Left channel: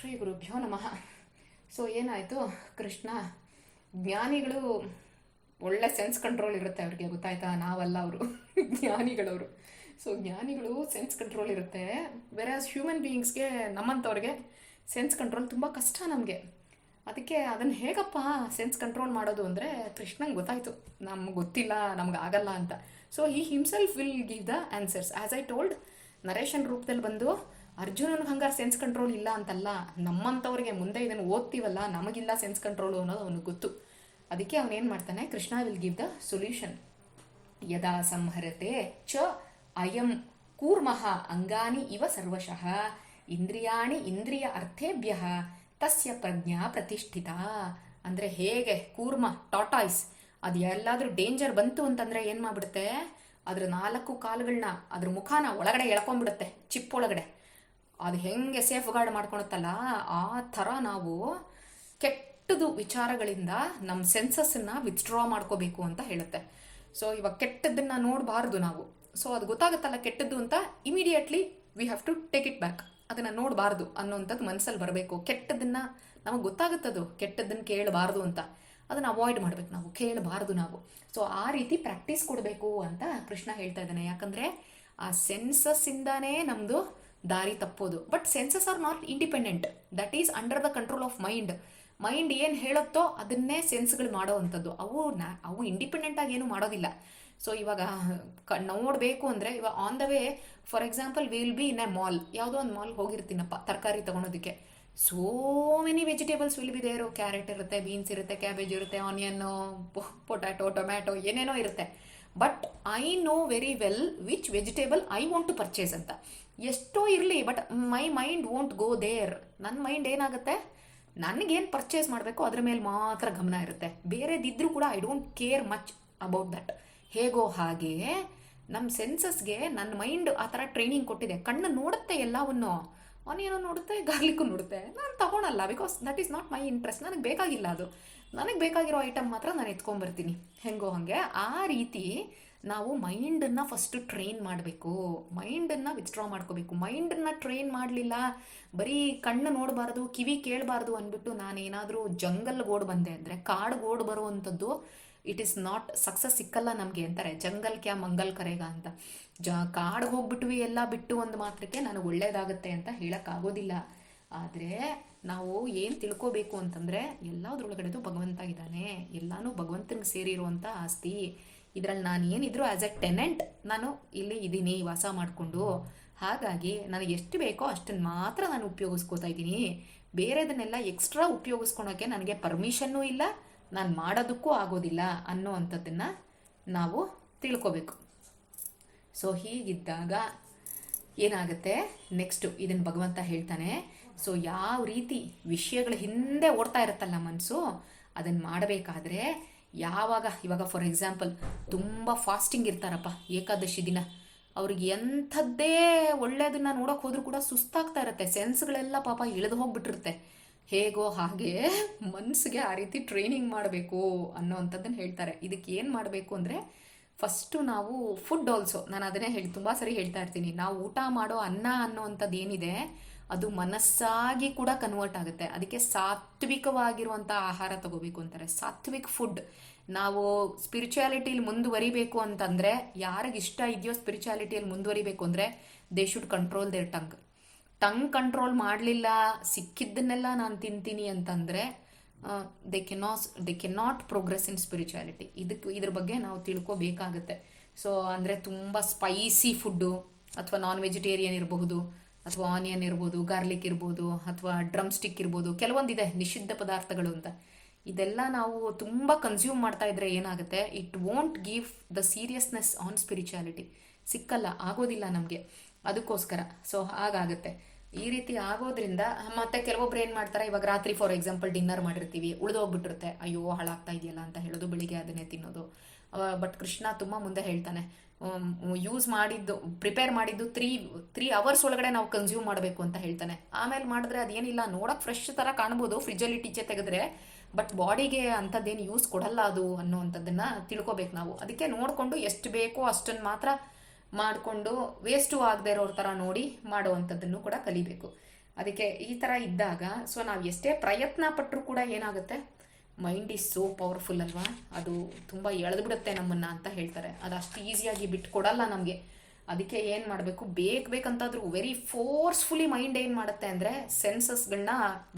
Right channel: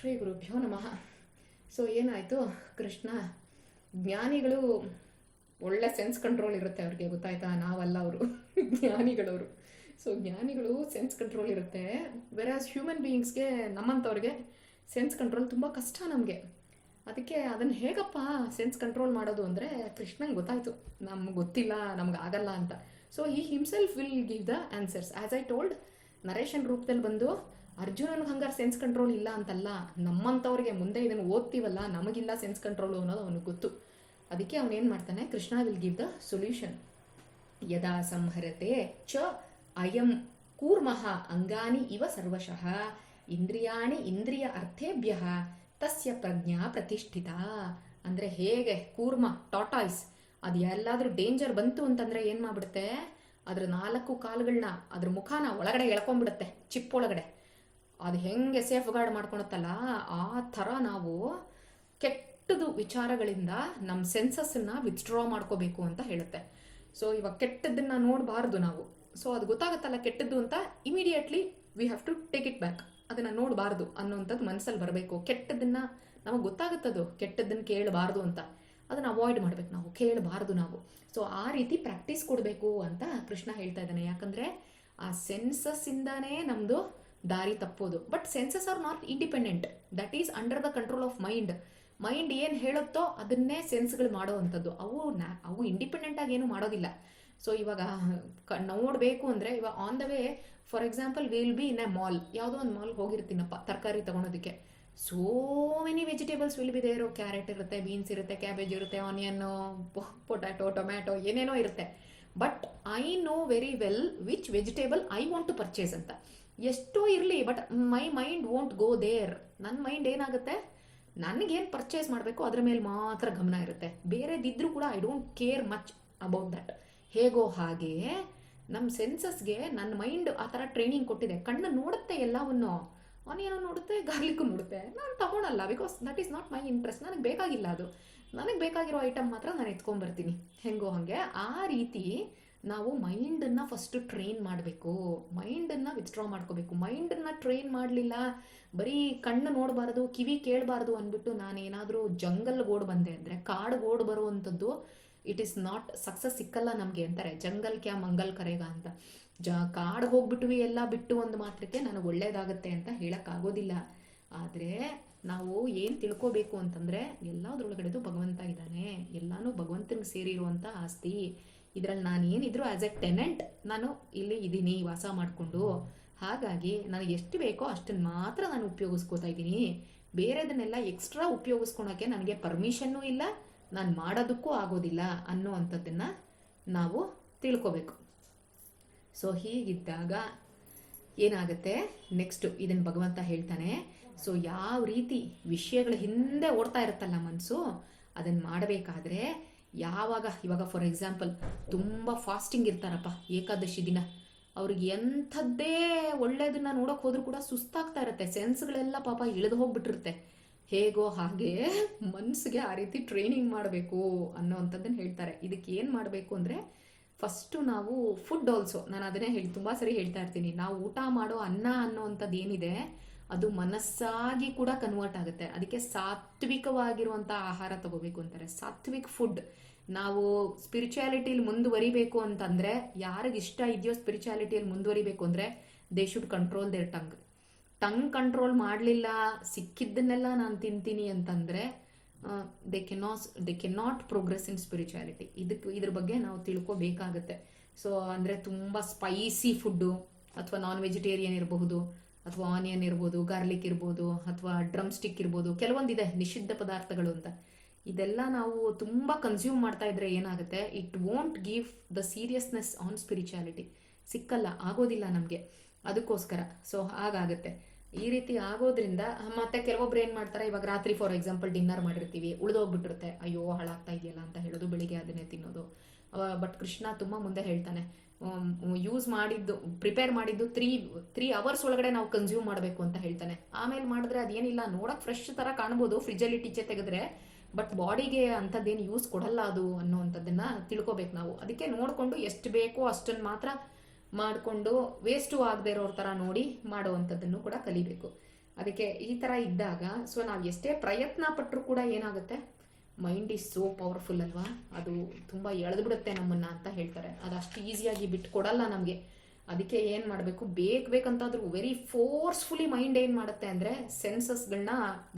ಶ್ರೀ ಗುರುಭ್ಯೋ ನಮಃ. ಸೊ ಏನಾಯಿತು? ಕೃಷ್ಣ, ಜ್ಞಾನಿಗಳು ಒಳ್ಳೆ ಸೆನ್ಸ್ ಕಂಟ್ರೋಲ್ ಇರುತ್ತೆ ಅವ್ರಿಗೆ, ಗೊತ್ತಾಯ್ತಾ? ನಾವಲ್ಲ ಅವರು, ಜ್ಞಾನಿಗಳವರು. ಸೊ ಜ್ಞಾನಿಗಳು ಸೆನ್ಸ್ ಕಂಟ್ರೋಲ್ ಇರುತ್ತೆ. ವೆರಾಸ್ ಹ್ಯೂಮನ್ ಬೀಯಿಂಗ್ಸ್ಗೆ ನಮ್ಮಂಥವ್ರಿಗೆ ಸೆನ್ಸ್ ಕಂಟ್ರೋಲ್ ತುಂಬ ಕಷ್ಟ ನಮಗೆ. ಅದಕ್ಕೆ ಅದನ್ನು ಹೇಗಪ್ಪ ಸೆನ್ಸ್ ಕಂಟ್ರೋಲ್ ಮಾಡೋದು ಅಂದರೆ ಕೃಷ್ಣಂಗೆ ಗೊತ್ತಾಯಿತು. ನಮ್ಗೆ ಗೊತ್ತಿಲ್ಲ, ನಮ್ಗೆ ಆಗಲ್ಲ ಅಂತ. ಸೊ ಈ himself will give the answers as I told narration ರೂಪದಲ್ಲಿ ಬಂದು ಅರ್ಜುನನ್ಗೆ ಹಂಗಾರೆ ಸೆನ್ಸ್ ಕಂಟ್ರೋಲ್ ಇಲ್ಲ ಅಂತಲ್ಲ ನಮ್ಮಂಥವ್ರಿಗೆ ಮುಂದೆ ಇದನ್ನು ಓದ್ತೀವಲ್ಲ, ನಮಗಿಲ್ಲ ಸೆನ್ಸ್ ಕಂಟ್ರೋಲ್ ಅನ್ನೋದು ಅವನಿಗೆ ಗೊತ್ತು. ಅದಕ್ಕೆ ಅವನೇನು ಮಾಡ್ತಾನೆ, Krishna will give the solution ಯದಾ ಸಂಹರತೆ ಚ ಅಯಂ ಕೂರ್ಮಃ ಅಂಗಾನಿ ಇವ ಸರ್ವಶಃ, ಇಂದ್ರಿಯಾಣಿ ಇಂದ್ರಿಯ ಅರ್ಥೇಭ್ಯ, ತಸ್ಯ ಪ್ರಜ್ಞಾ ಪ್ರತಿಷ್ಠಿತ. ಅಂದರೆ ಹೇಗೆ? ಕೂರ್ಮ ಟಾಟಾಯ್ಸ್ ಅದು ಎಲ್ಲಾದರೂ ಡೇಂಜರ್ ಬಂತು ಅಂತಂದರೆ ಏನು ಮಾಡಿಬಿಡುತ್ತೆ? ಅದ್ರ ನಾಲ್ಕು ಕಾಲುಗಳನ್ನ ಅದ್ರ ಮುಖಾನ ಒಳಗಡೆ ಎಳ್ಕೊಂಡ್ಬಿಡುತ್ತೆ ಚಿಪ್ಪೊಳಗಡೆ ಅದು ಹೆಂಗೆ ಸೇಫ್ ಗಾರ್ಡ್ ಮಾಡ್ಕೊಳುತ್ತಲ್ಲ, ಆ ಥರ ನಾವು ಕೆಟ್ಟದು ವಿಚಾರಗಳಿಂದ ನಮ್ಮ ಸೆನ್ಸಸ್ಸನ್ನು ವಿತ್ಡ್ರಾ ಮಾಡ್ಕೋಬೇಕು ಅಂತ ಹೇಳುತ್ತೆ. ಸೊ ಇವಾಗ ಕೆಟ್ಟದ್ದನ್ನು ನೋಡಬಾರ್ದು ನಾವು. ಸೊ ಅದು ಗೊತ್ತಾಗುತ್ತಲ್ಲ ಕೆಟ್ಟದ್ದು ಅಂತ immediately we have to take it back ಅದನ್ನು ನೋಡಬಾರ್ದು ಅನ್ನೋಂಥದ್ದು ಮನಸ್ಸಲ್ಲಿ ಬರಬೇಕು. ಕೆಟ್ಟದ್ದನ್ನು ನಮಗೆ ಗೊತ್ತಾಗುತ್ತದು ಕೆಟ್ಟದ್ದನ್ನು ಕೇಳಬಾರ್ದು ಅಂತ. ಅದನ್ನು ಅವಾಯ್ಡ್ ಮಾಡಬೇಕು ನಾವು, ಕೇಳಬಾರ್ದು ನಾವು. ಸೊ ಆ ರೀತಿ ಪ್ರಾಕ್ಟೀಸ್ ಕೊಡಬೇಕು ಅಂತ ಕೃಷ್ಣ ಹೇಳ್ತಾ ಇದ್ದಾನೆ. ಯಾಕಂದರೆ ಆ ಸೆನ್ಸಸ್ಸಿಂದಾನೇ ನಮ್ಮದು ದಾರಿ ತಪ್ಪೋದು. But senses are not independent that is under the control of mind mind ಏನು ಹೇಳುತ್ತೋ ಅದನ್ನೇ ಸೆನ್ಸ್ಗಳು ಮಾಡೋ ಅಂಥದ್ದು. ಅವು ನಾ, ಅವು ಇಂಡಿಪೆಂಡೆಂಟ್ ಆಗಿ ಏನು ಮಾಡೋದಿಲ್ಲ. ಸೊ ಇವಾಗ ನೋಡಬೇಕು ಅಂದರೆ ಇವಾಗ on the way for example will be in a mall ಯಾವುದೋ ಒಂದು ಮಾಲ್ ಹೋಗಿರ್ತೀನಪ್ಪ, ತರಕಾರಿ ತೊಗೊಳೋದಕ್ಕೆ so many vegetables will be there carrot ಇರುತ್ತೆ ಬೀನ್ಸ್ ಇರುತ್ತೆ ಕ್ಯಾಬೇಜ್ ಇರುತ್ತೆ ಆನಿಯನ್ನು ಪೊಟ್ಯಾಟೊ ಟೊಮ್ಯಾಟೊ ಏನೇನೋ ಇರುತ್ತೆ. But I know very well which vegetable I want to purchase ಅಂತ. ಎಷ್ಟೋ ಇರಲಿ but my mind won't go there ನನ್ನ ಮೈಂಡ್ ಏನಾಗುತ್ತೆ? ನನಗೇನು ಪರ್ಚೇಸ್ ಮಾಡಬೇಕು ಅದ್ರ ಮೇಲೆ ಮಾತ್ರ ಗಮನ ಇರುತ್ತೆ. ಬೇರೆದಿದ್ರು ಕೂಡ I don't care much about that ಹೇಗೋ ಹಾಗೆ ನಮ್ಮ ಸೆನ್ಸಸ್ಗೆ ನನ್ನ ಮೈಂಡ್ ಆ ಥರ ಟ್ರೈನಿಂಗ್ ಕೊಟ್ಟಿದೆ. ಕಣ್ಣು ನೋಡುತ್ತೆ ಎಲ್ಲವನ್ನು. ಅವನೇನೋ ನೋಡುತ್ತೆ ಗಾರ್ಲಿಕ್ಕು ನೋಡುತ್ತೆ. ನಾನು ತಗೊಳಲ್ಲ because that is not my interest ನನಗೆ ಬೇಕಾಗಿಲ್ಲ ಅದು. ನನಗೆ ಬೇಕಾಗಿರೋ ಐಟಮ್ ಮಾತ್ರ ನಾನು ಎತ್ಕೊಂಡ್ಬರ್ತೀನಿ ಹೆಂಗೋ ಹಾಗೆ ಆ ರೀತಿ ನಾವು ಮೈಂಡನ್ನು ಫಸ್ಟು ಟ್ರೈನ್ ಮಾಡಬೇಕು. ಮೈಂಡನ್ನು ವಿತ್ಡ್ರಾ ಮಾಡ್ಕೋಬೇಕು. ಮೈಂಡನ್ನು ಟ್ರೈನ್ ಮಾಡಲಿಲ್ಲ, ಬರೀ ಕಣ್ಣು ನೋಡಬಾರ್ದು, ಕಿವಿ ಕೇಳಬಾರ್ದು ಅಂದ್ಬಿಟ್ಟು ನಾನೇನಾದರೂ ಜಂಗಲ್ ಓಡ್ ಬಂದೆ ಅಂದರೆ ಕಾಡ್ಗೆ ಓಡ್ ಬರುವಂಥದ್ದು ಇಟ್ ಈಸ್ ನಾಟ್ ಸಕ್ಸಸ್ ಸಿಕ್ಕಲ್ಲ ನಮಗೆ ಅಂತಾರೆ. ಜಂಗಲ್ ಕ್ಯಾ ಮಂಗಲ್ ಕರೆಗ ಅಂತ. ಜ ಕಾಡ್ಗೆ ಹೋಗ್ಬಿಟ್ವಿ ಎಲ್ಲ ಬಿಟ್ಟು ಒಂದು ಮಾತ್ರಕ್ಕೆ ನನಗೆ ಒಳ್ಳೇದಾಗುತ್ತೆ ಅಂತ ಹೇಳೋಕ್ಕಾಗೋದಿಲ್ಲ. ಆದರೆ ನಾವು ಏನು ತಿಳ್ಕೋಬೇಕು ಅಂತಂದರೆ, ಎಲ್ಲದರೊಳಗಡೆದು ಭಗವಂತ ಇದ್ದಾನೆ. ಎಲ್ಲನೂ ಭಗವಂತನಿಗೆ ಸೇರಿರುವಂಥ ಆಸ್ತಿ. ಇದರಲ್ಲಿ ನಾನು ಏನಿದ್ರು ಆ್ಯಸ್ ಎ ಟೆನೆಂಟ್ ನಾನು ಇಲ್ಲಿ ಇದ್ದೀನಿ, ವಾಸ ಮಾಡಿಕೊಂಡು. ಹಾಗಾಗಿ ನನಗೆ ಎಷ್ಟು ಬೇಕೋ ಅಷ್ಟನ್ನು ಮಾತ್ರ ನಾನು ಉಪಯೋಗಿಸ್ಕೋತಾ ಇದ್ದೀನಿ. ಬೇರೆದನ್ನೆಲ್ಲ ಎಕ್ಸ್ಟ್ರಾ ಉಪಯೋಗಿಸ್ಕೊಳೋಕ್ಕೆ ನನಗೆ ಪರ್ಮಿಷನ್ನೂ ಇಲ್ಲ, ನಾನು ಮಾಡೋದಕ್ಕೂ ಆಗೋದಿಲ್ಲ ಅನ್ನೋ ಅಂಥದ್ದನ್ನು ನಾವು ತಿಳ್ಕೋಬೇಕು. ಸೊ ಹೀಗಿದ್ದಾಗ ಏನಾಗುತ್ತೆ? ನೆಕ್ಸ್ಟು ಇದನ್ನು ಭಗವಂತ ಹೇಳ್ತಾನೆ ಸೊ ಯಾವ ರೀತಿ ವಿಷಯಗಳ ಹಿಂದೆ ಓಡ್ತಾ ಇರುತ್ತಲ್ಲ ಮನಸ್ಸು ಅದನ್ನು ಮಾಡಬೇಕಾದ್ರೆ ಯಾವಾಗ, ಇವಾಗ ಫಾರ್ ಎಕ್ಸಾಂಪಲ್ ತುಂಬ ಫಾಸ್ಟಿಂಗ್ ಇರ್ತಾರಪ್ಪ, ಏಕಾದಶಿ ದಿನ. ಅವ್ರಿಗೆ ಎಂಥದ್ದೇ ಒಳ್ಳೆಯದನ್ನ ನೋಡೋಕೆ ಹೋದ್ರೂ ಕೂಡ ಸುಸ್ತಾಗ್ತಾ ಇರುತ್ತೆ. ಸೆನ್ಸ್ಗಳೆಲ್ಲ ಪಾಪ ಇಳಿದು ಹೋಗ್ಬಿಟ್ಟಿರುತ್ತೆ. ಹೇಗೋ ಹಾಗೆ ಮನಸ್ಸಿಗೆ ಆ ರೀತಿ ಟ್ರೈನಿಂಗ್ ಮಾಡಬೇಕು ಅನ್ನೋ ಅಂಥದ್ದನ್ನು ಹೇಳ್ತಾರೆ. ಇದಕ್ಕೆ ಏನು ಮಾಡಬೇಕು ಅಂದರೆ ಫಸ್ಟು ನಾವು ಫುಡ್ ಆಲ್ಸೋ ನಾನು ಅದನ್ನೇ ಹೇಳಿ, ತುಂಬ ಸರಿ ಹೇಳ್ತಾ ಇರ್ತೀನಿ. ನಾವು ಊಟ ಮಾಡೋ ಅನ್ನ ಅನ್ನೋ ಅಂಥದ್ದು ಏನಿದೆ ಅದು ಮನಸ್ಸಾಗಿ ಕೂಡ ಕನ್ವರ್ಟ್ ಆಗುತ್ತೆ. ಅದಕ್ಕೆ ಸಾತ್ವಿಕವಾಗಿರುವಂಥ ಆಹಾರ ತಗೋಬೇಕು ಅಂತಾರೆ. ಸಾತ್ವಿಕ್ ಫುಡ್ ನಾವು ಸ್ಪಿರಿಚುಯಾಲಿಟಿಲಿ ಮುಂದುವರಿಬೇಕು ಅಂತಂದರೆ ಯಾರಿಗೆ ಇಷ್ಟ ಇದೆಯೋ ಸ್ಪಿರಿಚುಯಾಲಿಟಿಯಲ್ಲಿ ಮುಂದುವರಿಬೇಕು ಅಂದರೆ they should control their tongue tongue control ಮಾಡಲಿಲ್ಲ, ಸಿಕ್ಕಿದ್ದನ್ನೆಲ್ಲ ನಾನು ತಿಂತೀನಿ ಅಂತಂದರೆ they can they cannot progress in spirituality ಇದಕ್ಕೆ, ಇದ್ರ ಬಗ್ಗೆ ನಾವು ತಿಳ್ಕೊಬೇಕಾಗತ್ತೆ. ಸೊ ಅಂದರೆ ತುಂಬ ಸ್ಪೈಸಿ ಫುಡ್ಡು ಅಥವಾ ನಾನ್ ವೆಜಿಟೇರಿಯನ್ ಇರಬಹುದು. ಅಥವಾ ಆನಿಯನ್ ಇರ್ಬೋದು, ಗಾರ್ಲಿಕ್ ಇರ್ಬೋದು, ಅಥವಾ ಡ್ರಮ್ ಸ್ಟಿಕ್ ಇರ್ಬೋದು, ಕೆಲವೊಂದಿದೆ ನಿಷಿದ್ಧ ಪದಾರ್ಥಗಳು ಅಂತ. ಇದೆಲ್ಲ ನಾವು ತುಂಬ ಕನ್ಸ್ಯೂಮ್ ಮಾಡ್ತಾ ಇದ್ರೆ ಏನಾಗುತ್ತೆ? It won't give the seriousness on spirituality ಸಿಕ್ಕಲ್ಲ, ಆಗೋದಿಲ್ಲ ನಮಗೆ. ಅದಕ್ಕೋಸ್ಕರ. ಸೊ ಹಾಗಾಗುತ್ತೆ. ಈ ರೀತಿ ಆಗೋದ್ರಿಂದ, ಮತ್ತೆ ಕೆಲವೊಬ್ರು ಏನು ಮಾಡ್ತಾರೆ? ಇವಾಗ ರಾತ್ರಿ ಫಾರ್ ಎಕ್ಸಾಂಪಲ್ ಡಿನ್ನರ್ ಮಾಡಿರ್ತೀವಿ, ಉಳಿದೋಗ್ಬಿಟ್ಟಿರುತ್ತೆ. ಅಯ್ಯೋ, ಹಾಳಾಗ್ತಾ ಇದೆಯಲ್ಲ ಅಂತ ಹೇಳೋದು, ಬೆಳಿಗ್ಗೆ ಅದನ್ನೇ ತಿನ್ನೋದು. ಬಟ್ ಕೃಷ್ಣ ತುಂಬ ಮುಂದೆ ಹೇಳ್ತಾನೆ ಯೂಸ್ ಮಾಡಿದ್ದು ಪ್ರಿಪೇರ್ ಮಾಡಿದ್ದು ತ್ರೀ ತ್ರೀ ಅವರ್ಸ್ ಒಳಗಡೆ ನಾವು ಕನ್ಸ್ಯೂಮ್ ಮಾಡಬೇಕು ಅಂತ ಹೇಳ್ತಾನೆ. ಆಮೇಲೆ ಮಾಡಿದ್ರೆ ಅದೇನಿಲ್ಲ, ನೋಡೋಕೆ ಫ್ರೆಶ್ ಥರ ಕಾಣ್ಬೋದು ಫ್ರಿಜ್ಜಲ್ಲಿ ಟೀಚೆ ತೆಗೆದ್ರೆ ಬಟ್ ಬಾಡಿಗೆ ಅಂಥದ್ದೇನು ಯೂಸ್ ಕೊಡಲ್ಲ ಅದು ಅನ್ನೋ ತಿಳ್ಕೋಬೇಕು ತಿಳ್ಕೊಬೇಕು ನಾವು. ಅದಕ್ಕೆ ನೋಡಿಕೊಂಡು ಎಷ್ಟು ಬೇಕೋ ಅಷ್ಟನ್ನು ಮಾತ್ರ ಮಾಡಿಕೊಂಡು ವೇಸ್ಟು ಆಗದೆ ಇರೋರ ಥರ ನೋಡಿ ಮಾಡುವಂಥದ್ದನ್ನು ಕೂಡ ಕಲಿಬೇಕು. ಅದಕ್ಕೆ ಈ ಥರ ಇದ್ದಾಗ ಸೊ ನಾವು ಎಷ್ಟೇ ಪ್ರಯತ್ನ ಪಟ್ಟರೂ ಕೂಡ ಏನಾಗುತ್ತೆ? ಮೈಂಡ್ ಈಸ್ ಸೋ ಪವರ್ಫುಲ್ ಅಲ್ವಾ? ಅದು ತುಂಬ ಎಳೆದ್ಬಿಡುತ್ತೆ ನಮ್ಮನ್ನ ಅಂತ ಹೇಳ್ತಾರೆ. ಅದು ಅಷ್ಟು ಈಸಿಯಾಗಿ ಬಿಟ್ಟು ಕೊಡಲ್ಲ ನಮಗೆ. ಅದಕ್ಕೆ ಏನು ಮಾಡಬೇಕು? ಬೇಕು ಬೇಕಂತಾದರೂ ವೆರಿ ಫೋರ್ಸ್ಫುಲಿ ಮೈಂಡ್ ಏನು ಮಾಡುತ್ತೆ ಅಂದರೆ ಸೆನ್ಸಸ್ಗಳನ್ನ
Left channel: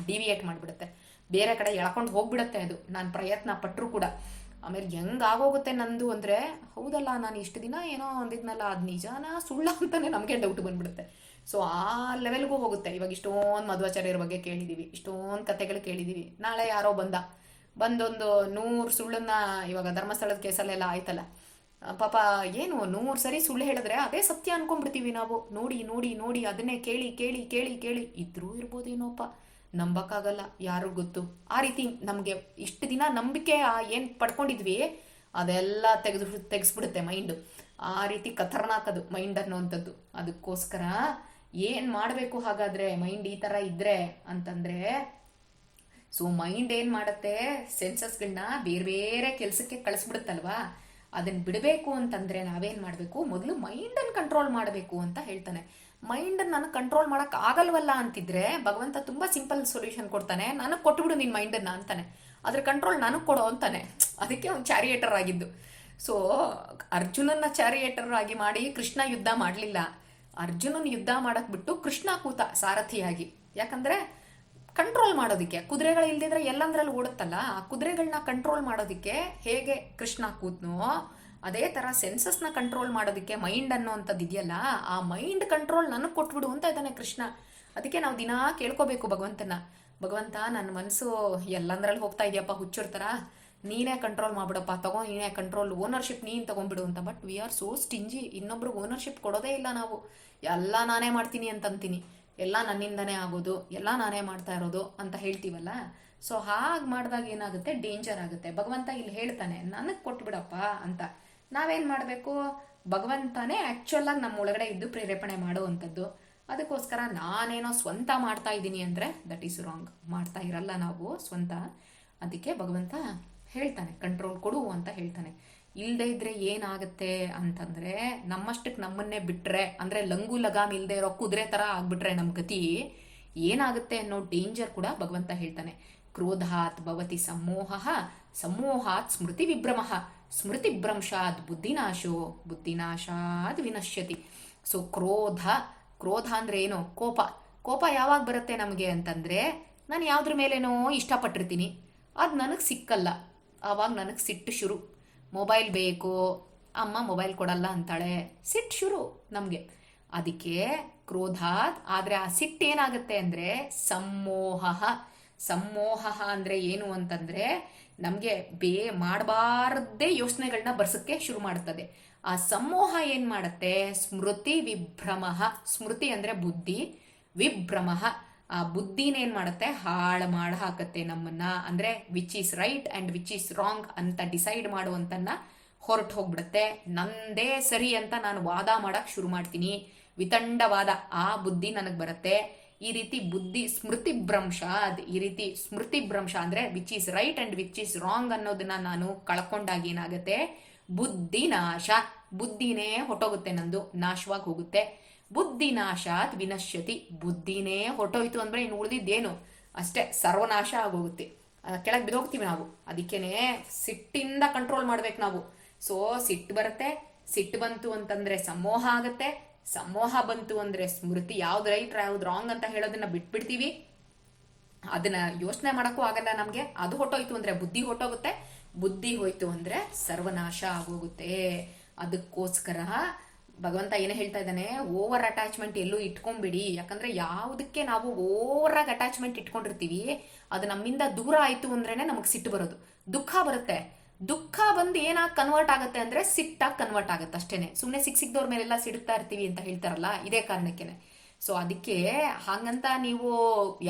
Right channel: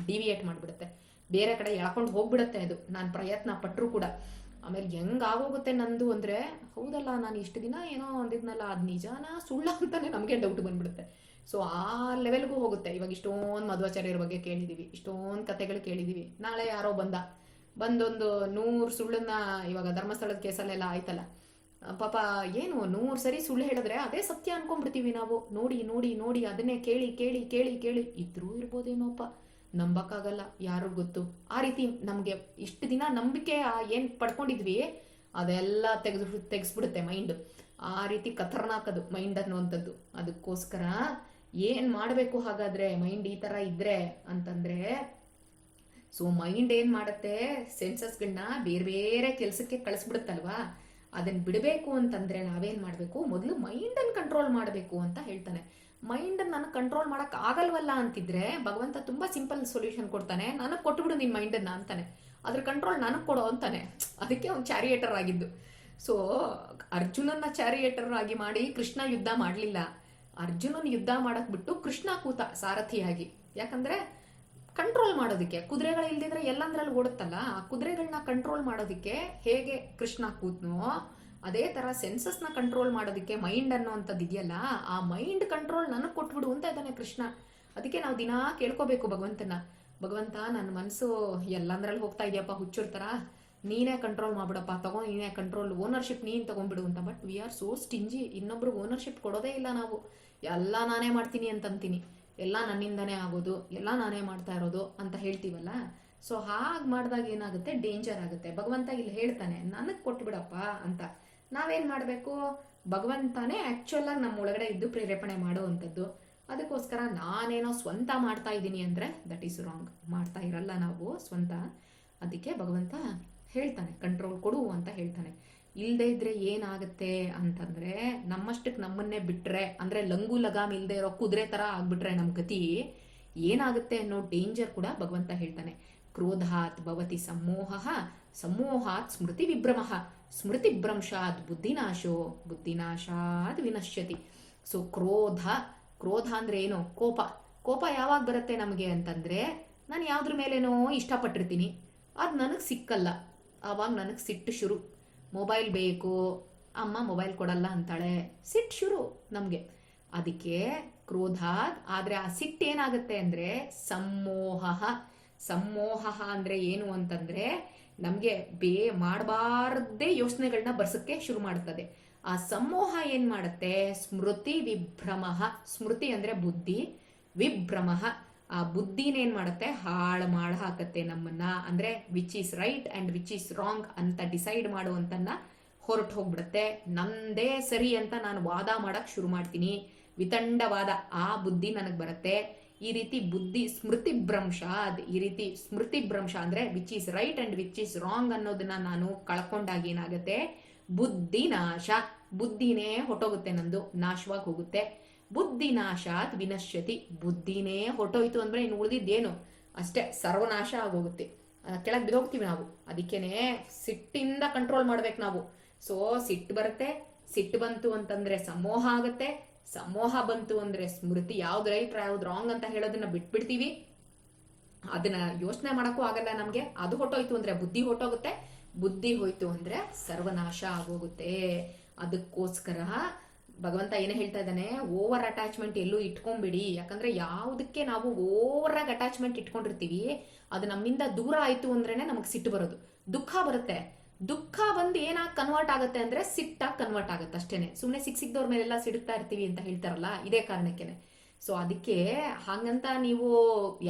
ಡಿವಿಯೇಟ್ ಮಾಡಿಬಿಡುತ್ತೆ. ಬೇರೆ ಕಡೆ ಎಳ್ಕೊಂಡು ಹೋಗ್ಬಿಡುತ್ತೆ ಅದು. ನಾನು ಪ್ರಯತ್ನ ಪಟ್ಟರೂ ಕೂಡ. ಆಮೇಲೆ ಹೆಂಗ್ ಆಗೋಗುತ್ತೆ ನಂದು ಅಂದರೆ, ಹೌದಲ್ಲ, ನಾನು ಇಷ್ಟು ದಿನ ಏನೋ ಅಂದಿದ್ನಲ್ಲ, ಅದು ನಿಜಾನ ಸುಳ್ಳ ಅಂತಾನೆ ನಮಗೆ ಡೌಟ್ ಬಂದ್ಬಿಡುತ್ತೆ. ಸೊ ಆ ಲೆವೆಲ್ಗೂ ಹೋಗುತ್ತೆ. ಇವಾಗ ಇಷ್ಟೊಂದು ಮಧ್ವಾಚಾರ್ಯರ ಬಗ್ಗೆ ಕೇಳಿದ್ದೀವಿ ಇಷ್ಟೊಂದು ಕಥೆಗಳು ಕೇಳಿದ್ದೀವಿ ನಾಳೆ ಯಾರೋ ಬಂದ. ಬಂದೊಂದು ನೂರು ಸುಳ್ಳನ್ನ ಇವಾಗ ಧರ್ಮಸ್ಥಳದ ಕೇಸಲ್ಲೆಲ್ಲ ಆಯ್ತಲ್ಲ. ಪಾಪ ಏನು ನೂರು ಸರಿ ಸುಳ್ಳು ಹೇಳಿದ್ರೆ ಅದೇ ಸತ್ಯ ಅನ್ಕೊಂಡ್ಬಿಡ್ತೀವಿ ನಾವು. ನೋಡಿ ನೋಡಿ ನೋಡಿ, ಅದನ್ನೇ ಕೇಳಿ ಕೇಳಿ ಕೇಳಿ ಕೇಳಿ. ಇದ್ರೂ ಇರ್ಬೋದೇನೋಪ್ಪ ನಂಬಕ್ಕಾಗಲ್ಲ ಯಾರು ಗೊತ್ತು. ಆ ರೀತಿ ನಮಗೆ ಇಷ್ಟು ದಿನ ನಂಬಿಕೆ ಏನು ಪಡ್ಕೊಂಡಿದ್ವಿ, ಅದೆಲ್ಲ ತೆಗೆದು ತೆಗೆಸ್ಬಿಡುತ್ತೆ ಮೈಂಡ್. ಆ ರೀತಿ ಖತರ್ನಾಕ್ ಅದು ಮೈಂಡ್ ಅನ್ನೋವಂಥದ್ದು ಅದಕ್ಕೋಸ್ಕರ ಏನು ಮಾಡಬೇಕು ಹಾಗಾದ್ರೆ ಮೈಂಡ್ ಈ ಥರ ಇದ್ರೆ ಅಂತಂದ್ರೆ ಸೊ ಮೈಂಡ್ ಏನು ಮಾಡುತ್ತೆ? ಸೆನ್ಸಸ್ಗಳನ್ನ ಬೇರೆ ಬೇರೆ ಕೆಲಸಕ್ಕೆ ಕಳಿಸ್ಬಿಡುತ್ತಲ್ವಾ? ಅದನ್ನ ಬಿಡಬೇಕು ಅಂತಂದ್ರೆ ನಾವೇನು ಮಾಡಬೇಕು? ಮೊದಲು ಮೈಂಡನ್ನು ಕಂಟ್ರೋಲ್ ಮಾಡಬೇಕು ಅಂತ ಹೇಳ್ತಾನೆ. ಮೈಂಡ್ ನನಗೆ ಕಂಟ್ರೋಲ್ ಮಾಡಕ್ ಆಗಲ್ವಲ್ಲ ಅಂತಿದ್ರೆ ಭಗವಂತ ತುಂಬಾ ಸಿಂಪಲ್ ಸೊಲ್ಯೂಷನ್ ಕೊಡ್ತಾನೆ. ನನಗೆ ಕೊಟ್ಬಿಡು ನಿನ್ನ ಮೈಂಡನ್ನು ಅಂತಾನೆ. ಅದ್ರ ಕಂಟ್ರೋಲ್ ನನಗೆ ಕೊಡೋ ಅಂತಾನೆ. ಅದಕ್ಕೆ ಅವ್ನು ಚಾರಿಯೇಟರ್ ಆಗಿದ್ದು. ಸೊ ಅರ್ಜುನನ್ನ ಚಾರಿಯೇಟರ್ ಆಗಿ ಮಾಡಿ ಕೃಷ್ಣ ಯುದ್ಧ ಮಾಡಲಿಲ್ಲ. ಅರ್ಜುನನ್ ಯುದ್ಧ ಮಾಡಕ್ ಬಿಟ್ಟು ಕೃಷ್ಣ ಕೂತ ಸಾರಥಿಯಾಗಿ. ಯಾಕಂದ್ರೆ ಕಂಟ್ರೋಲ್ ಮಾಡೋದಕ್ಕೆ, ಕುದುರೆಗಳು ಇಲ್ದಿದ್ರೆ ಎಲ್ಲಂದ್ರಲ್ಲಿ ಓಡುತ್ತಲ್ಲ, ಆ ಕುದುರೆಗಳನ್ನ ಕಂಟ್ರೋಲ್ ಮಾಡೋದಕ್ಕೆ ಹೇಗೆ ಕೃಷ್ಣ ಕೂತ್ನೋ, ಅದೇ ಥರ ಸೆನ್ಸಸ್ನ ಕಂಟ್ರೋಲ್ ಮಾಡೋದಕ್ಕೆ ಮೈಂಡ್ ಅನ್ನೋವಂಥದ್ದು ಇದೆಯಲ್ಲ, ಆ ಮೈಂಡ್ ಕಂಟ್ರೋಲ್ ನನಗೆ ಕೊಟ್ಬಿಡು ಅಂತ ಇದ್ದಾನೆ ಕೃಷ್ಣ. ಅದಕ್ಕೆ ನಾವು ದಿನಾ ಕೇಳ್ಕೋಬೇಕು ಭಗವಂತನ. ಭಗವಂತ ನನ್ನ ಮನಸ್ಸು ಎಲ್ಲಂದ್ರಲ್ಲಿ ಹೋಗ್ತಾ ಇದೆಯಪ್ಪ ಹುಚ್ಚಿರ್ತಾರ ನೀನೇ ಕಂಟ್ರೋಲ್ ಮಾಡ್ಬಿಡಪ್ಪ, ತಗೋ, ನೀನೇ ಕಂಟ್ರೋಲ್ ಓನರ್ಶಿಪ್ ನೀನು ತಗೊಂಡ್ಬಿಡು ಅಂತ. But we are so stingy ಇನ್ನೊಬ್ರಿಗೆ ಓನರ್ಶಿಪ್ ಕೊಡೋದೇ ಇಲ್ಲ ನಾವು. ಎಲ್ಲ ನಾನೇ ಮಾಡ್ತೀನಿ ಅಂತ ಅಂತೀನಿ ಎಲ್ಲ ನನ್ನಿಂದನೇ ಆಗೋದು, ಎಲ್ಲ ನಾನೇ ಮಾಡ್ತಾ ಇರೋದು ಅಂತ ಹೇಳ್ತೀವಲ್ಲ? ಸೊ ಹಾಗೆ ಮಾಡಿದಾಗ ಏನಾಗುತ್ತೆ? ಡೇಂಜರ್ ಆಗುತ್ತೆ. ಭಗವಂತ ಇಲ್ಲಿ ಹೇಳ್ತಾನೆ, ನನಗೆ ಕೊಟ್ಬಿಡಪ್ಪ ಅಂತ. ನಾವೇನು ಮಾಡಬೇಕು? ಭಗವಂತನೇ ಆ್ಯಕ್ಚುಲ್ ಆಗಿ ನಮ್ಮ ಒಳಗಡೆ ಇದ್ದು ಪ್ರೇರೇಪಣೆ ಮಾಡುವಂಥದ್ದು ಅದಕ್ಕೋಸ್ಕರ ನಾನೇನೋ ಸ್ವಂತ ಮಾಡ್ತಾ ಇದ್ದೀನಿ ಅಂದರೆ ದಟ್ ಈಸ್ ರಾಂಗ್ ಮಾಡ್ತಾ ಇರಲ್ಲ ನಾವು ಸ್ವಂತ. ಅದಕ್ಕೆ ಭಗವಂತ ಹೇಳ್ತಾನೆ ಕಂಟ್ರೋಲ್ ಕೊಡು ಅಂತ ಹೇಳ್ತಾನೆ. ಇಲ್ಲದೆ ಇದ್ರೆ ಏನಾಗುತ್ತೆ ಅಂತಂದ್ರೆ ನಮ್ಮಷ್ಟಕ್ಕೆ ನಮ್ಮನ್ನೇ ಬಿಟ್ರೆ, ಅಂದ್ರೆ ಲಂಗು ಲಗಾಮ್ ಇಲ್ಲದೆ ಇರೋ ಕುದುರೆ ತರ ಆಗ್ಬಿಟ್ರೆ ನಮ್ಮ ಗತಿ ಏನಾಗುತ್ತೆ ಅನ್ನೋ ಡೇಂಜರ್ ಕೂಡ ಭಗವಂತ ಹೇಳ್ತಾನೆ. ಕ್ರೋಧಾತ್ ಭವತಿ ಸಮೋಹ, ಸಮೋಹಾತ್ ಸ್ಮೃತಿ ವಿಭ್ರಮಃ. ಸ್ಮೃತಿ ಭ್ರಂಶಾತ್ ಬುದ್ಧಿನಾಶೋ, ಬುದ್ಧಿನಾಶಾತ್ ವಿನಶ್ಯತಿ. ಸೊ ಕ್ರೋಧ ಕ್ರೋಧ ಅಂದರೆ ಏನು? ಕೋಪ. ಕೋಪ ಯಾವಾಗ ಬರುತ್ತೆ ನಮಗೆ ಅಂತಂದ್ರೆ, ನಾನು ಯಾವುದ್ರ ಮೇಲೇನೋ ಇಷ್ಟಪಟ್ಟಿರ್ತೀನಿ. ಅದು ನನಗೆ ಸಿಕ್ಕಲ್ಲ. ಆವಾಗ ನನಗೆ ಸಿಟ್ಟು ಶುರು. ಮೊಬೈಲ್ ಬೇಕು, ಅಮ್ಮ ಮೊಬೈಲ್ ಕೊಡಲ್ಲ ಅಂತಾಳೆ. ಸಿಟ್ಟು ಶುರು ನಮಗೆ. ಅದಕ್ಕೆ ಕ್ರೋಧ ಆದರೆ ಆ ಸಿಟ್ಟು ಏನಾಗುತ್ತೆ ಅಂದರೆ ಸಮ್ಮೋಹ ಸಮ್ಮೋಹ ಅಂದರೆ ಏನು ಅಂತಂದರೆ ನಮಗೆ ಬೇ ಮಾಡಬಾರ್ದೇ ಯೋಚನೆಗಳನ್ನ ಬರ್ಸೋಕ್ಕೆ ಶುರು ಮಾಡ್ತದೆ. ಆ ಸಮೋಹ ಏನು ಮಾಡುತ್ತೆ? ಸ್ಮೃತಿ ವಿಭ್ರಮ ಸ್ಮೃತಿ ಅಂದರೆ ಬುದ್ಧಿ. ವಿಭ್ರಮ ಆ ಬುದ್ಧಿನೇನು ಮಾಡುತ್ತೆ? ಹಾಳು ಮಾಡಿ ಹಾಕತ್ತೆ ನಮ್ಮನ್ನ. ಅಂದ್ರೆ which is right and which is wrong ಅಂತ ಡಿಸೈಡ್ ಮಾಡುವಂತನ್ನ ಹೊರಟು ಹೋಗ್ಬಿಡುತ್ತೆ. ನಂದೇ ಸರಿ ಅಂತ ನಾನು ವಾದ ಮಾಡೋಕ್ಕೆ ಶುರು ಮಾಡ್ತೀನಿ. ವಿತಂಡವಾದ ಆ ಬುದ್ಧಿ ನನಗೆ ಬರುತ್ತೆ. ಈ ರೀತಿ ಬುದ್ಧಿ ಸ್ಮೃತಿ ಭ್ರಂಶ ಅದು ಈ ರೀತಿ ಸ್ಮೃತಿ ಭ್ರಂಶ ಅಂದ್ರೆ which is right and which is wrong ಅನ್ನೋದನ್ನ ನಾನು ಕಳ್ಕೊಂಡಾಗ ಏನಾಗುತ್ತೆ? ಬುದ್ಧಿ ನಾಶ. ಬುದ್ಧಿನೇ ಹೊಟ್ಟೋಗುತ್ತೆ ನಂದು. ನಾಶವಾಗಿ ಹೋಗುತ್ತೆ. ಬುದ್ಧಿ ನಾಶಾತ್ ವಿನಶ್ಯತಿ. ಬುದ್ಧಿನೇ ಹೊಟ್ಟೋಯ್ತು ಅಂದ್ರೆ ಇನ್ನು ಉಳಿದಿದ್ದೇನು? ಅಷ್ಟೇ, ಸರ್ವನಾಶ ಆಗೋಗುತ್ತೆ. ಕೆಳಗೆ ಬಿದೋಗ್ತೀವಿ ನಾವು. ಅದಕ್ಕೇನೆ ಸಿಟ್ಟಿಂದ ಕಂಟ್ರೋಲ್ ಮಾಡ್ಬೇಕು ನಾವು. ಸೊ ಸಿಟ್ಟು ಬರುತ್ತೆ, ಸಿಟ್ಟು ಬಂತು ಅಂತಂದ್ರೆ ಸಮೋಹ ಆಗುತ್ತೆ. ಸಮೋಹ ಬಂತು ಅಂದ್ರೆ ಸ್ಮೃತಿ ಯಾವ್ದು ರೈಟ್ ಯಾವ್ದು ರಾಂಗ್ ಅಂತ ಹೇಳೋದನ್ನ ಬಿಟ್ಬಿಡ್ತೀವಿ. ಅದನ್ನ ಯೋಚನೆ ಮಾಡೋಕ್ಕೂ ಆಗಲ್ಲ ನಮ್ಗೆ. ಅದು ಹೊಟ್ಟೋಯ್ತು ಅಂದ್ರೆ ಬುದ್ಧಿ ಹೊಟ್ಟೋಗುತ್ತೆ ಬುದ್ಧಿ ಹೋಯ್ತು ಅಂದ್ರೆ ಸರ್ವನಾಶ ಆಗೋಗುತ್ತೆ. ಅದಕ್ಕೋಸ್ಕರ ಭಗವಂತ ಏನು ಹೇಳ್ತಾ ಇದ್ದಾನೆ ಓವರ್ ಅಟ್ಯಾಚ್ಮೆಂಟ್ ಎಲ್ಲೂ ಇಟ್ಕೊಂಡ್ಬಿಡಿ. ಯಾಕಂದ್ರೆ ಯಾವುದಕ್ಕೆ ನಾವು ಓವರ್ ಆಗಿ ಅಟ್ಯಾಚ್ಮೆಂಟ್ ಇಟ್ಕೊಂಡಿರ್ತೀವಿ, ಅದು ನಮ್ಮಿಂದ ದೂರ ಆಯ್ತು ಅಂದ್ರೇನೆ ನಮಗೆ ಸಿಟ್ಟು ಬರೋದು. ದುಃಖ ಬರುತ್ತೆ. ದುಃಖ ಬಂದು ಏನಾಗಿ ಕನ್ವರ್ಟ್ ಆಗುತ್ತೆ ಅಂದ್ರೆ ಸಿಟ್ಟಾಗಿ ಕನ್ವರ್ಟ್ ಆಗುತ್ತೆ ಅಷ್ಟೇನೆ. ಸುಮ್ಮನೆ ಸಿಕ್ ಸಿಕ್ದವ್ರ ಮೇಲೆಲ್ಲ ಸಿಡುತ್ತಾ ಇರ್ತೀವಿ ಅಂತ ಹೇಳ್ತಾರಲ್ಲ, ಇದೇ ಕಾರಣಕ್ಕೇನೆ. ಸೊ ಅದಕ್ಕೆ ಹಾಗಂತ ನೀವು